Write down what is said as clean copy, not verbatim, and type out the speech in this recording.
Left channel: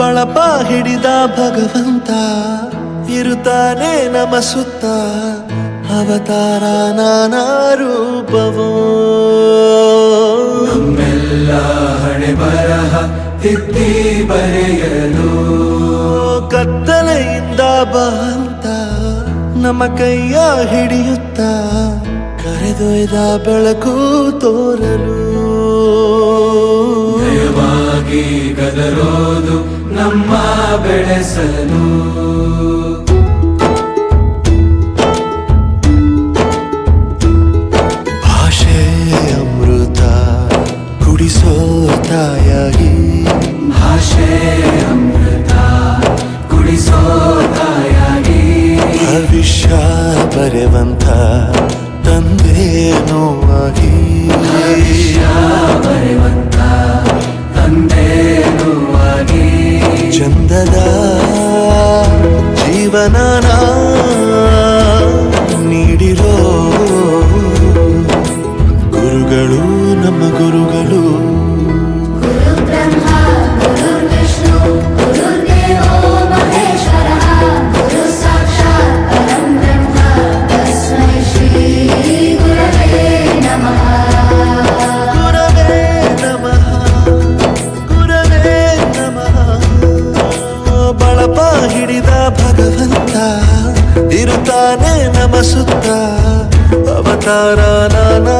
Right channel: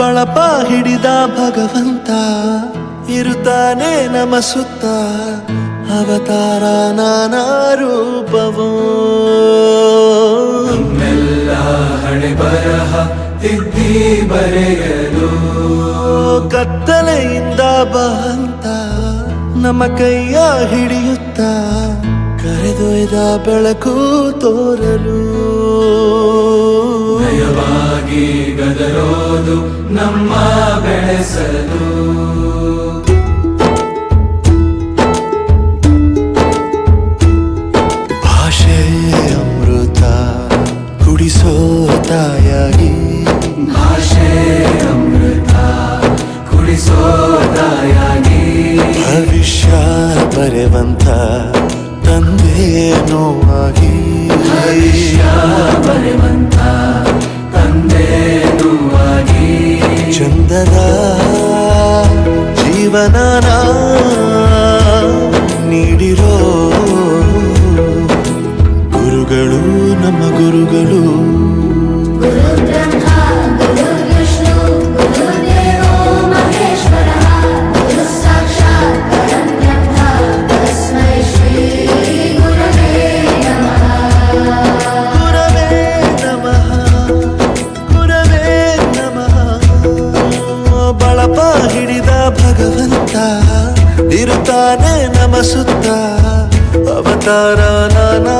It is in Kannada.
ಬಳಪ ಹಿಡಿದ ಭಗವಂತ ಇರುತ್ತಾನೆ ನಮ ಸುತ್ತ ಅವತಾರ ನಾನಾ ರೂಪವೋ ನಮ್ಮೆಲ್ಲ ಹಣೆ ಬರಹ ತಿದ್ದಿ ಬರೆಯಲು ಕತ್ತಲೆಯಿಂದ ಬಂತ ನಮ್ಮ ಕೈಯ ಹಿಡಿಯುತ್ತ ಕರೆದೊಯ್ದ ಬೆಳಕು ತೋರಲು ನಯವಾಗಿ ಗದರೋದು ನಮ್ಮ ಬೆಳೆಸಲು ಭಾಷೆ ಅಮೃತ ಕುಡಿಸೋ ತಾಯಾಗಿ ಭಾಷೆ ಅಮೃತ ಕುಡಿಸೋ ತಾಯಾಗಿ ಭವಿಷ್ಯ ಬರೆವಂತ ತಂದೇನೋ ಆಗಿ ಬರೆವಂತ ತಂದೇನೂ ಆಗಿ ಚಂದದ ಜೀವನನ ನೀಡಿರೋ ಗುರುಗಳು ನಮ್ಮ ಗುರುಗಳು ಬಳಪ ಹಿಡಿದ ಭಗವಂತ ಇರುತ್ತಾನೆ ನಮ ಸುತ್ತ ಅವತಾರ ನಾನಾ